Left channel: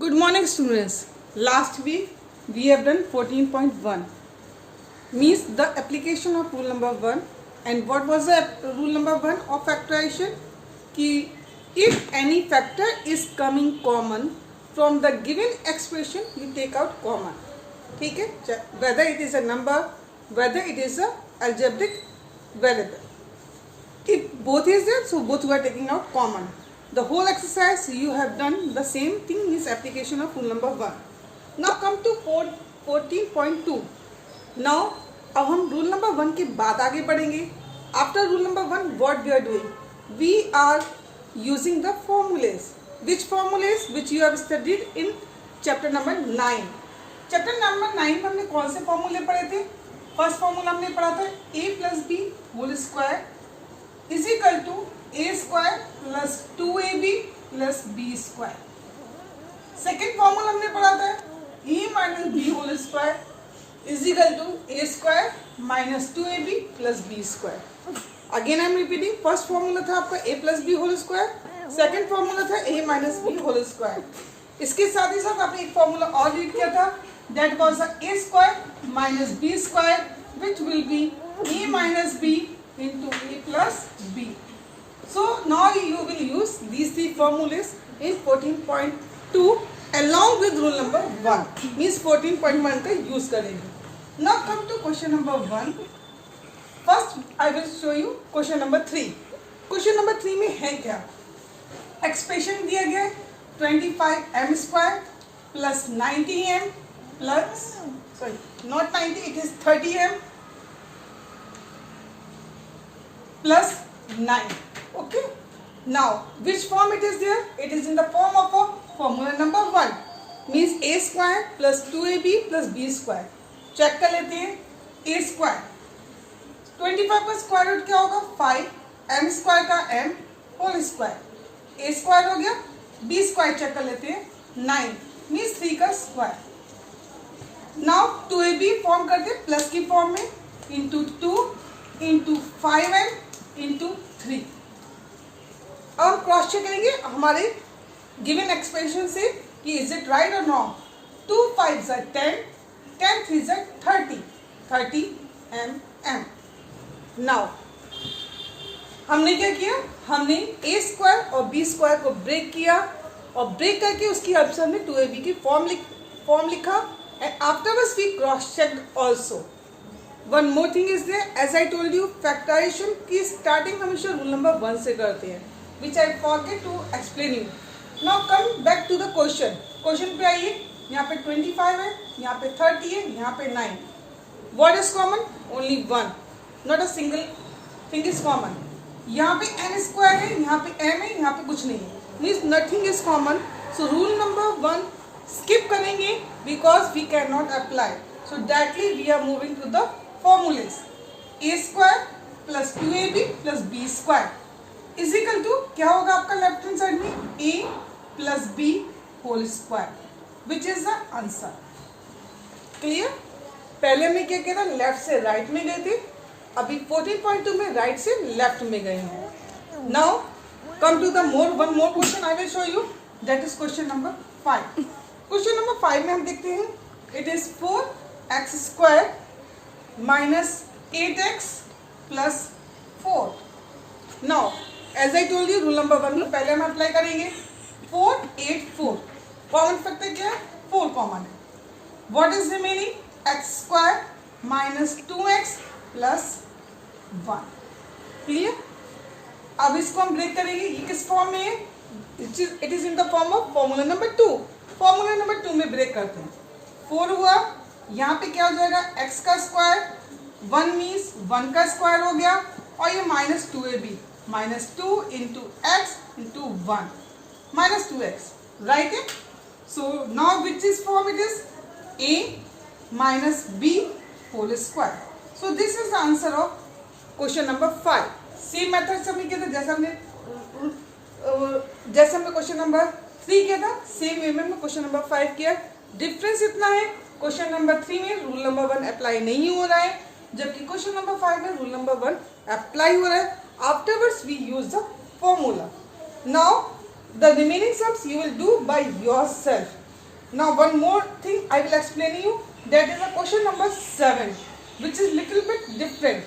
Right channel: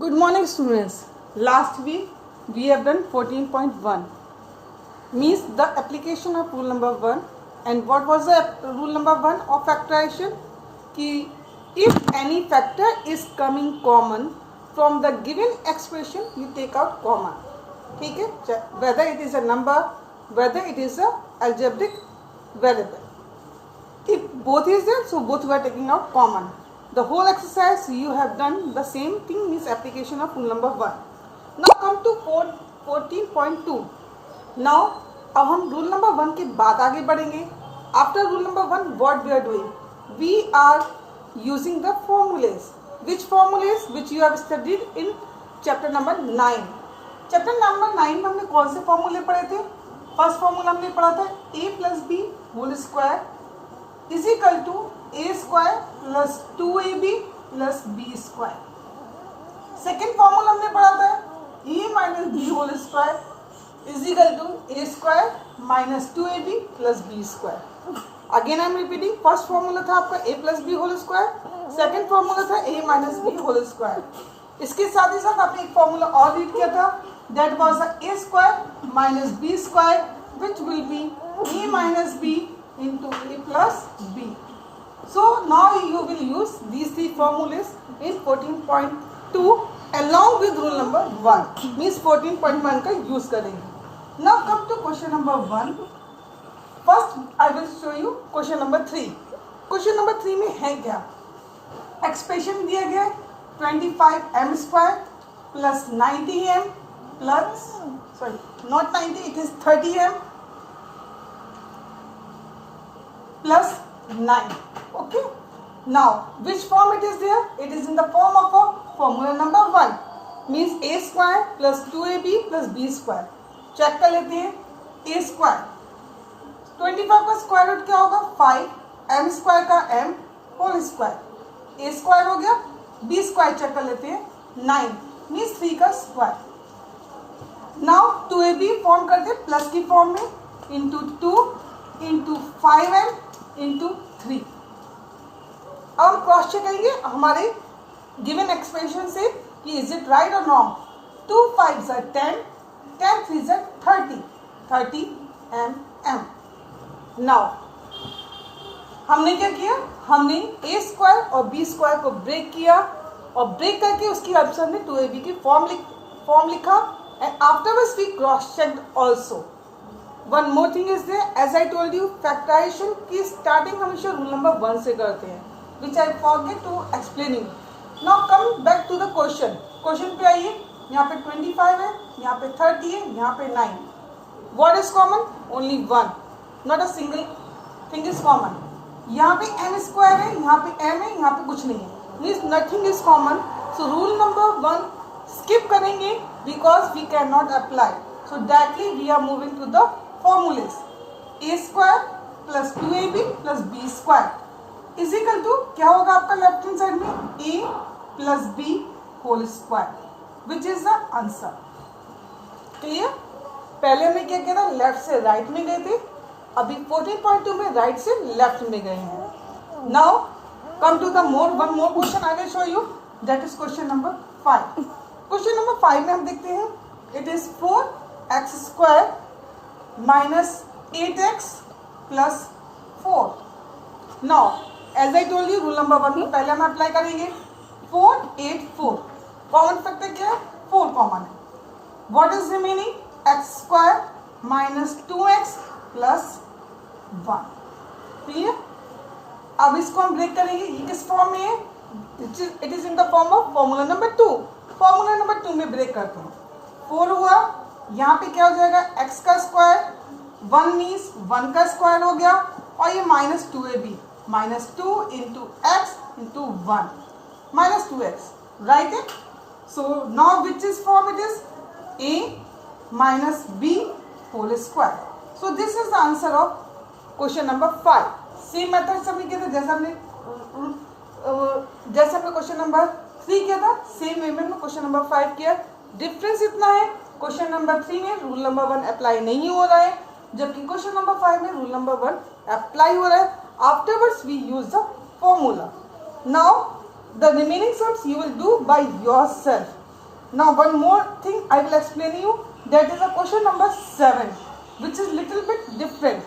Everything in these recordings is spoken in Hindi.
Good morning students. Last week we have done 14.1 means the application of rule number 1 and what was the rule number 1 of factorization कि if any factor is coming common from the given expression you take out comma. ठीक है, whether it is a number, whether it is a algebraic variable, if both is there so both we are taking out common. The whole exercise you have done the same thing is application of rule number 1. Now come to 14.2. Now अब हम रूल नंबर 1 के बाद आगे बढ़ेंगे. After rule number 1 what we are doing? We are using the formulas. Which formulas? Which you have studied in chapter number 9. Chapter number 9 में हमने कौन से फॉर्मूले पढ़े थे? फर्स्ट फॉर्मूला हमने पढ़ा था a plus b whole square is equal to a square plus 2ab plus b square. Second formula हमने पढ़ा था a minus B whole square is equal to a square minus 2ab plus b square. Again I am repeating. First formula था आपका a plus B whole square, second formula था a minus B whole square. इसके साथ ही साथ आपने एक फॉर्मूला और रीड किया था that was a square minus b square which will be a minus b into a plus b. So now you will use these three formulas in 14.2 along with rule number 1. Means 14.1 का use करेंगे. Now come to question number 1. First I will show you question number 3. Question number 3 में है क्या? Expression दिया गया 25m square plus 90m plus not 90 it is 30m plus 9. Okay. Now which form it is there? It is in the form of a formula number 1 means a square plus 2ab plus b square. Check कर लेते हैं. a square 25 का स्क्वायर रूट क्या होगा 5, m स्क्वायर का m whole square, a square हो गया, b स्क्वायर चेक कर लेते हैं 9 मीन्स 3 का स्क्वायर. नाउ 2ab फॉर्म करते हैं प्लस की फॉर्म में इंटू 2 इंटू 5m इंटू 3. अब हम क्रॉस चेक करेंगे हमारे गिवन एक्सप्रेशन से कि इज इट राइट और रॉन्ग. 2 5 10, 10 3 30 mm. नाउ हमने क्या किया, हमने a स्क्वायर और b स्क्वायर को ब्रेक किया और ब्रेक करके उसकी हेल्प से हमने 2ab की फॉर्म लिखा and afterwards we cross checked also. One more thing is there as I told you factorization की स्टार्टिंग हमेशा रूल नंबर 1 से करते हैं which I forget to explain you. Now come back to the question. Question पे आइए. यहाँ पे 25 है, यहाँ पे 30 है, यहाँ पे 9. What is common? Only 1. Not a single thing is common. यहाँ पे n स्क्वायर है, यहाँ पे m है, यहाँ पे कुछ नहीं है means nothing is common. So rule number 1 skip करेंगे because we can not apply. So directly we are moving to the formulas. a square plus 2ab plus b square is equal to क्या होगा आपका लेफ्ट हैंड साइड में a plus b whole square which is the answer. Clear? पहले में क्या किया था, लेफ्ट से राइट में गए थे, अभी 14.2 में राइट से लेफ्ट में गए हैं. Now come to the one more question I will show you that is question number 5. Question number 5 में हम देखते हैं it is 4x square minus 8x plus 4. Now as I told you rule number 1 में पहले हम अप्लाई करेंगे 4 8 4. कॉमन फैक्टर क्या है? 4 कॉमन है. What is remaining? x square minus 2x plus 1. Clear? अब इसको हम ब्रेक करेंगे. ये किस फॉर्म में है? It is in the form of formula number 2. Formula number 2 में ब्रेक करते हैं. 4 हुआ, यहाँ पे क्या हो जाएगा x का स्क्वायर, 1 मीन्स 1 का स्क्वायर हो गया और ये minus 2ab minus 2 into x into 1 minus 2x right है. So now which is form? It is a minus b whole square. So this is the answer of question number 5. Same method से हमने किया था जैसा हमने क्वेश्चन नंबर 3 किया था सेम वे में क्वेश्चन नंबर 5 किया. डिफरेंस इतना है क्वेश्चन नंबर 3 में रूल नंबर 1 अप्लाई नहीं हो रहा है जबकि क्वेश्चन नंबर 5 में रूल नंबर 1 अप्लाई हो रहा है. Afterwards we use the formula. Now the remaining sums you will do by yourself. Now one more thing I will explain you, that is a question number 7 which is little bit different.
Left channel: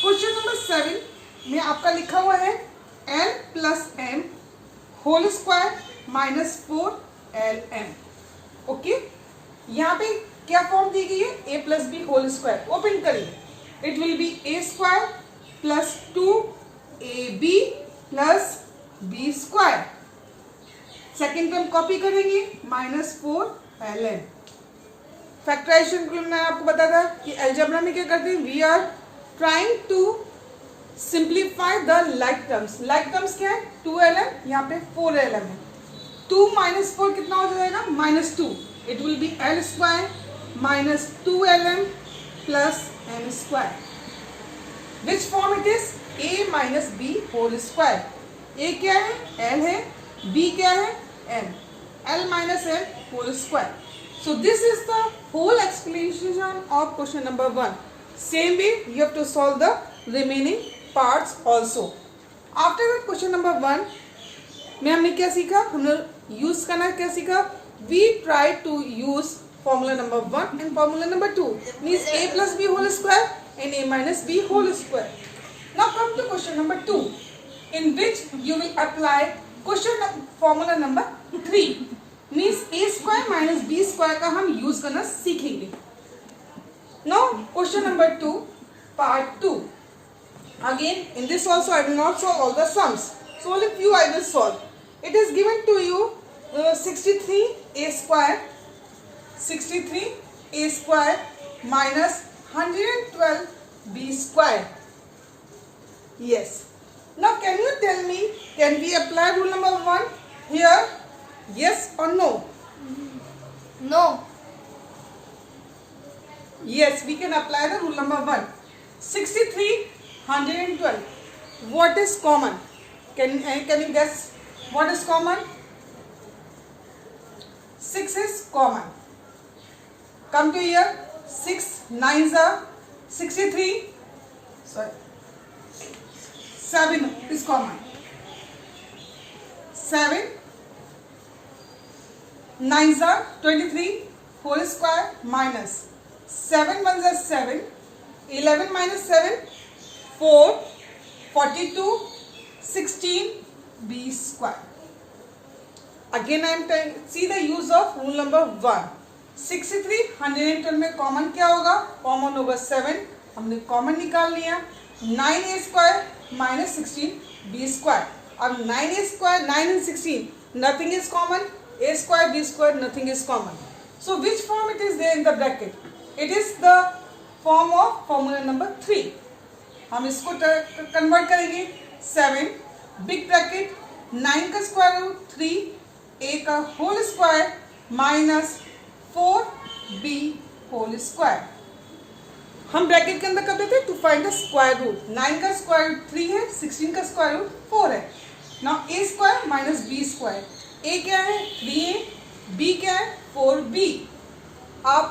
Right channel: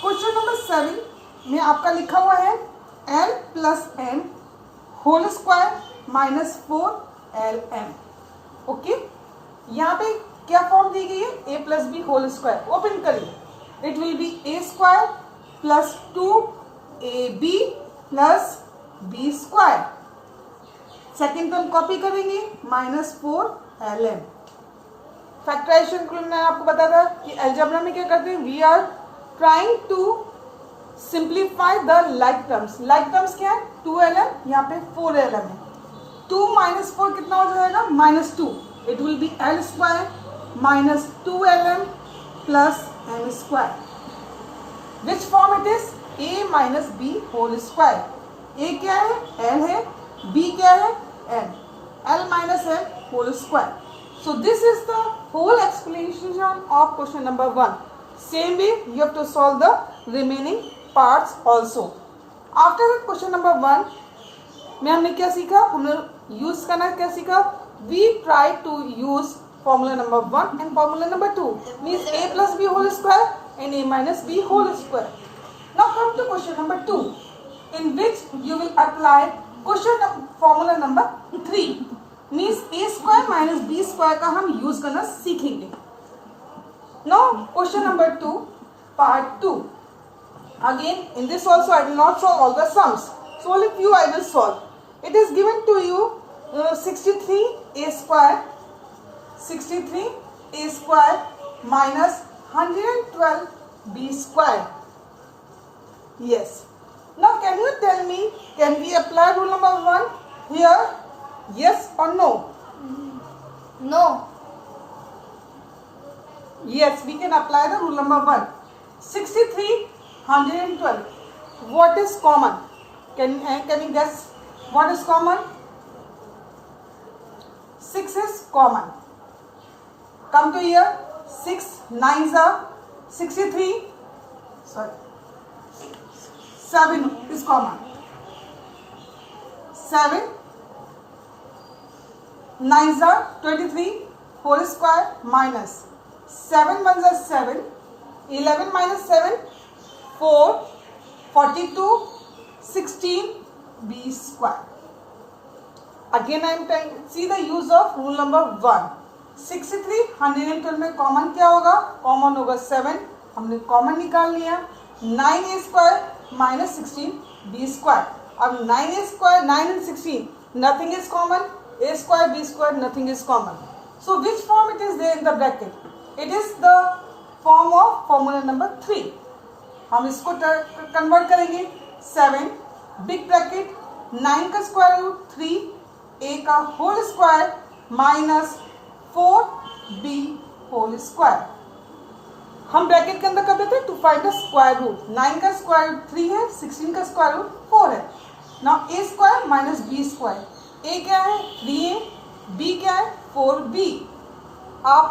Question number 7 में आपका लिखा हुआ है l plus m whole square minus 4lm. Okay, यहाँ पे क्या फॉर्म दी गई है, a plus B whole square. Open करिए, it will be a square plus 2ab plus b square. Second term copy करेंगे माइनस 4lm. फैक्टराइजेशन को मैंने आपको बताया था कि अलजेब्रा में क्या करते हैं, we are trying to simplify the like terms. Like terms क्या है, 2lm, यहाँ पे 4lm है. 2 माइनस 4 कितना हो जाएगा, minus 2. It will be l square minus 2lm plus m square. Which form it is, a minus B whole square. a क्या है, l है, b क्या है, m. l minus m whole square. So this is the whole explanation of question number 1. Same way you have to solve the remaining parts also. After that question number 1 में हमने क्या सीखा, हमने यूज करना क्या सीखा, we try to use formula number 1 and formula number 2 means a plus b whole square and a minus b whole square. Now come to question number 2 in which you will apply formula number 3 means A square minus B square का हम यूज करना सीखेंगे. Now question number 2 part 2. Again in this also I will not solve all the sums, so only few I will solve. It is given to you 63a square minus 112b square. Yes, now can you tell me, can we apply rule number 1 here? Yes or no? No. Yes, we can apply the rule number 1. 63, 112. What is common? Can you guess what is common? 6 is common. Come to here. 6 9s are 63. Sorry. 7 is common. 7 9s are 23 whole square minus 7 1s are 7, 11 minus 7 4, 42, 16 b square. Again I am telling, see the use of rule number 1. 63 112 में कॉमन क्या होगा, कॉमन होगा 7, हमने कॉमन निकाल लिया. 9a square minus 16 b square. अब 9a square 9 and 16 nothing is common. A square b square nothing is common. So which form it is there in the bracket? It is the form of formula number 3. हम इसको कन्वर्ट करेंगे. 7 बिग ब्रैकेट 9 का स्क्वायर रूट 3 a का whole square minus 4b whole square. हम ब्रैकेट के अंदर कर देते to find the square root. 9 का स्क्वायर रूट 3 है, 16 का स्क्वायर रूट 4 है. Now a square minus b square. a क्या है, 3a, b क्या है, 4b. आप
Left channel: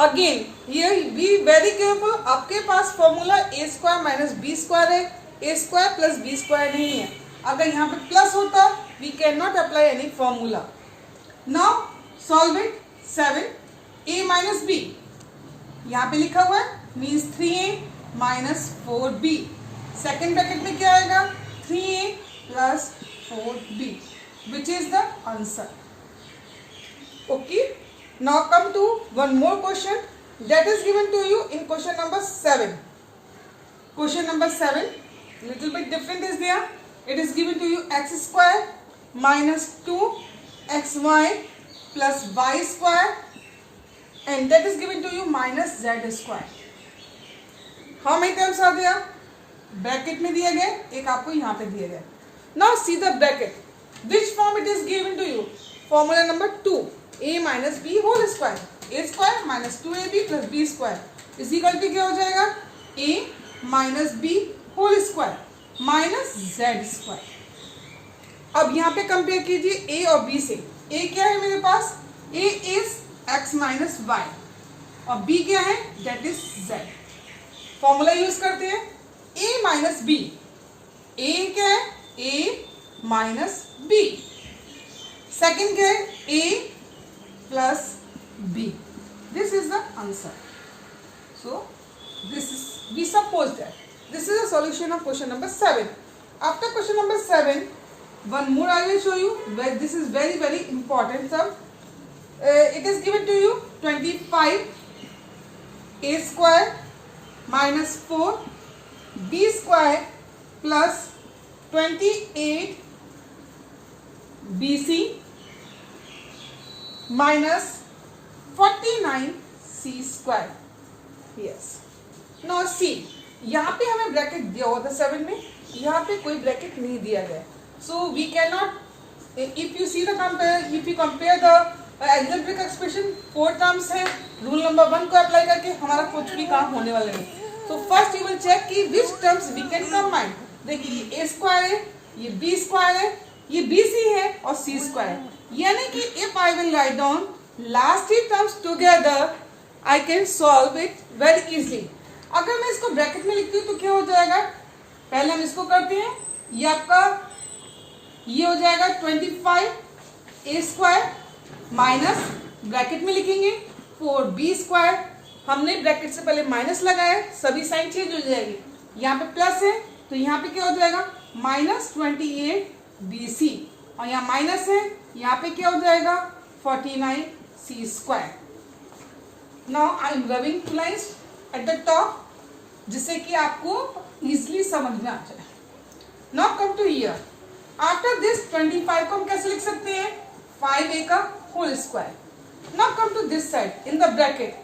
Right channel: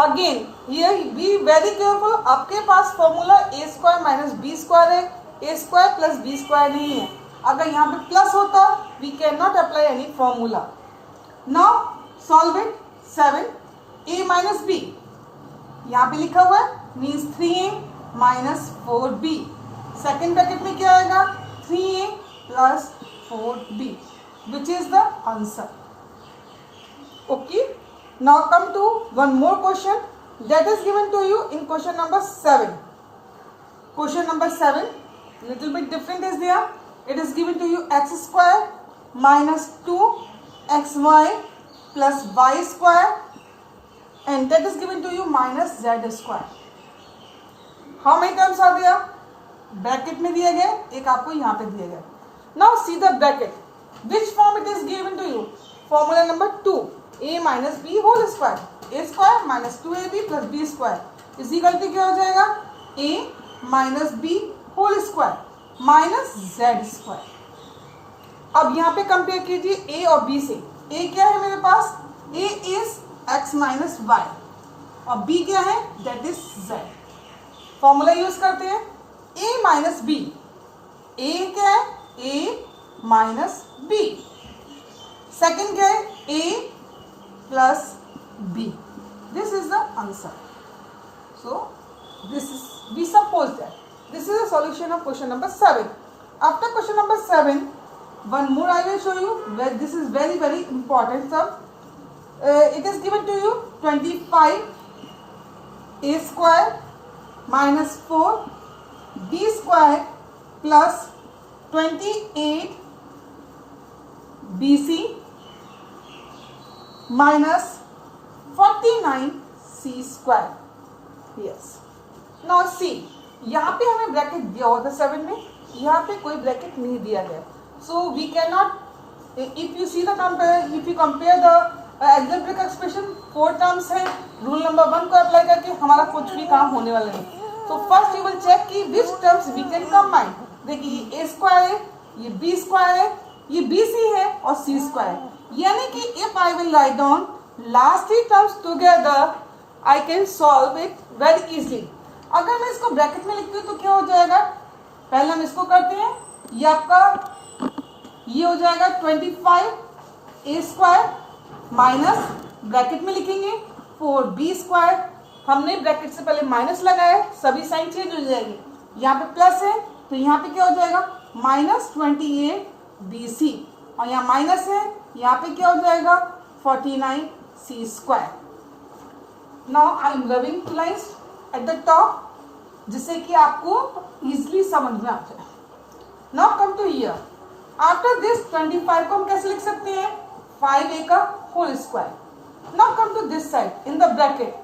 again here be very careful, आपके पास formula a square minus B square है, a square plus b square नहीं है. अगर यहाँ पे प्लस होता we can not apply any formula. Now solve it. 7a minus b यहाँ पे लिखा हुआ है means 3a minus 4b. Second bracket में क्या आएगा, 3a plus 4b. Which is the answer. Okay. Now come to one more question that is given to you in question number 7. Question number 7, little bit different is there. It is given to you x square minus 2xy plus y square and that is given to you minus z square. How many terms are there? Bracket में दिए गए, एक आपको यहाँ पे दिए गए. Now see the bracket. Which form it is given to you? Formula number 2. A minus b whole square. A square minus 2ab plus b square. इस इक्वल टू क्या हो जाएगा? A minus b whole square minus z square. अब यहाँ पे कंपेयर कीजिए a और b से. A क्या है मेरे पास? A is x minus y और b क्या है? That is z. Formula use करते हैं. A minus b. A क्या है? A minus B. सेकेंड क्या है, a plus b. This is the answer. So this is, we suppose that this is a solution of question number 7. After question number 7, one more I will show you where this is very very important sum. It is given to you 25 a square minus 4 b square plus 28 bc minus 49 c square. Yes. Now see, यहाँ पे हमें ब्रैकेट दिया हुआ था 7 में, यहाँ पे कोई ब्रैकेट नहीं दिया गया. So we cannot, if you see the compare, if you compare the algebraic expression, 4 terms है, रूल नंबर 1 को अप्लाई करके हमारा कुछ भी काम होने वाला नहीं. So first you will check कि which terms we can combine. देखिए ये a square है, ये b square है, ये bc है और c square. यानी कि if I will write down last 3 terms together, I can solve it very easily. अगर मैं इसको ब्रैकेट में लिखती हूँ तो क्या हो जाएगा? पहले हम इसको करते हैं. ये आपका ये हो जाएगा 25 a स्क्वायर माइनस ब्रैकेट में लिखेंगे 4b स्क्वायर. हमने ब्रैकेट से पहले माइनस लगाया है, सभी साइन चेंज हो जाएगी. यहाँ पे प्लस है तो यहाँ पे क्या हो जाएगा? माइनस 28 bc और यहाँ माइनस है, यहाँ पे क्या हो जाएगा? 49 c square. Now I am rubbing two lines at the top जिससे कि आपको इजिली समझ में आ जाए. Now come to here. After this 25 को हम कैसे लिख सकते हैं? 5a का whole square. Now come to this side in the bracket.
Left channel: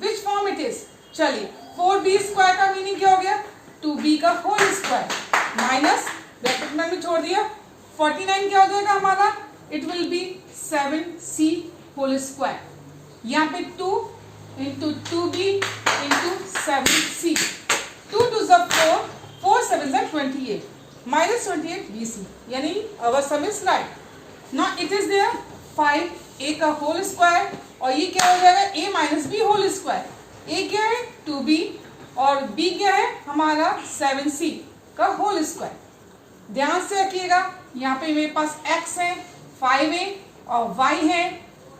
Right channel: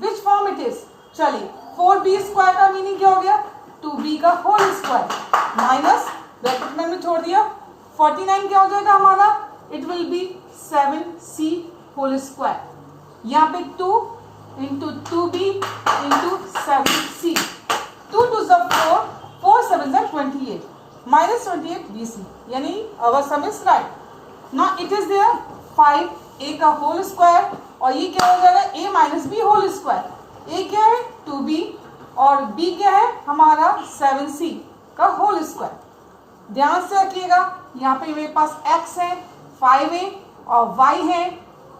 Which form it is? चलिए 4b स्क्वायर का मीनिंग क्या हो गया? 2b का होल स्क्वायर माइनस ब्रैकेट में हमने छोड़ दिया 49 क्या हो जाएगा हमारा? It will be 7c whole square. यहाँ पे 2 into 2b into 7c. 2 2 4, 4 7 28 minus 28 bc. यानी our sum is right. Now it is there 5a का होल स्क्वायर और ये क्या हो जाएगा? a minus b whole square. a क्या है? 2b और b क्या है? हमारा 7c का होल स्क्वायर. ध्यान से रखिएगा यहाँ पे मेरे पास x है 5a और y है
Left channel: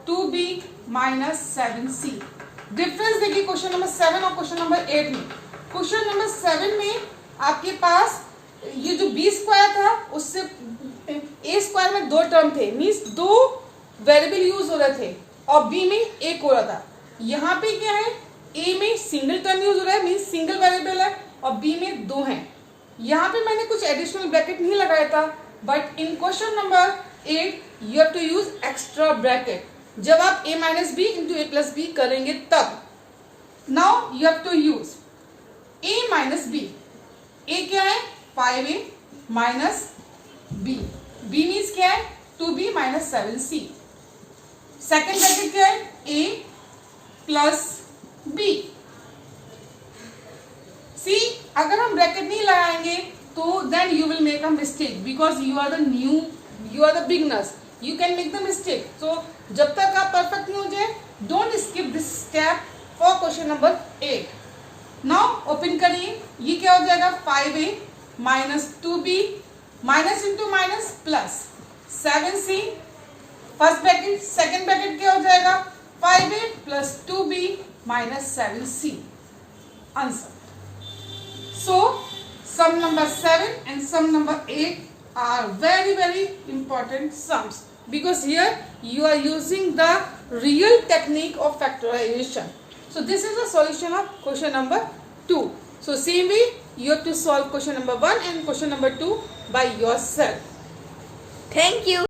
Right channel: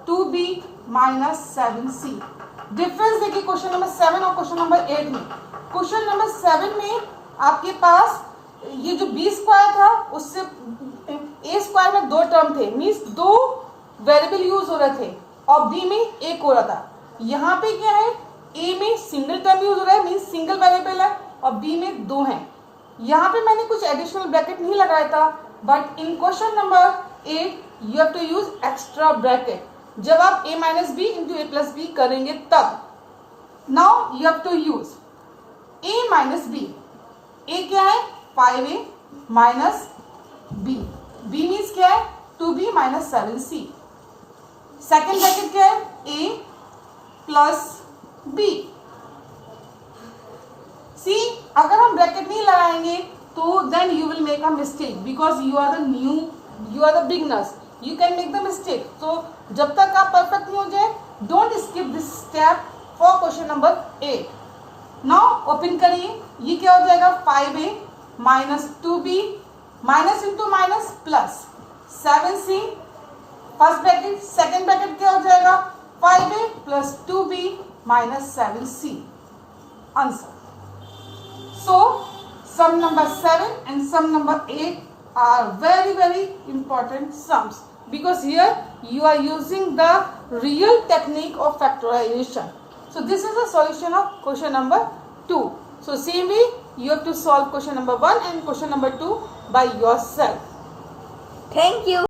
2b माइनस 7c. डिफरेंस देखिए क्वेश्चन नंबर 7 और क्वेश्चन नंबर 8 में. क्वेश्चन नंबर 7 में आपके पास ये जो b स्क्वायर था उससे a स्क्वायर में 2 टर्म थे, मीन्स 2 वेरिएबल यूज हो रहे थे और b में एक हो रहा था. यहाँ पे क्या है? a में सिंगल टर्म यूज हो रहा है, मीन्स सिंगल वेरिएबल है और b में 2 हैं. यहाँ पे मैंने कुछ एडिशनल ब्रैकेट नहीं लगाया था, but in question number 8 you have to use extra bracket जब आप a minus B into A plus B करेंगे तब. Now you have to use a minus B. a क्या है? 5a minus b. b means क्या है? 2b minus 7c. Second bracket क्या है? a plus b. सी अगर हम ब्रैकेट नहीं लगाएंगे तो then you will make a mistake because you are the new, you are the beginners, you can make the mistake. So जब तक आप परफेक्ट नहीं हो जाए don't skip this step for question number 8. Now open करिए. ये क्या हो जाएगा? 5a minus 2b minus into minus plus 7c. First bracket. Second bracket क्या हो जाएगा? 5a plus 2b minus 7c. Answer. So sum number 7 and sum number 8 are very very important sums because here you are using the real technique of factorization. So this is the solution of question number 2. So same way you have to solve question number 1 and question number 2 by yourself. Thank you.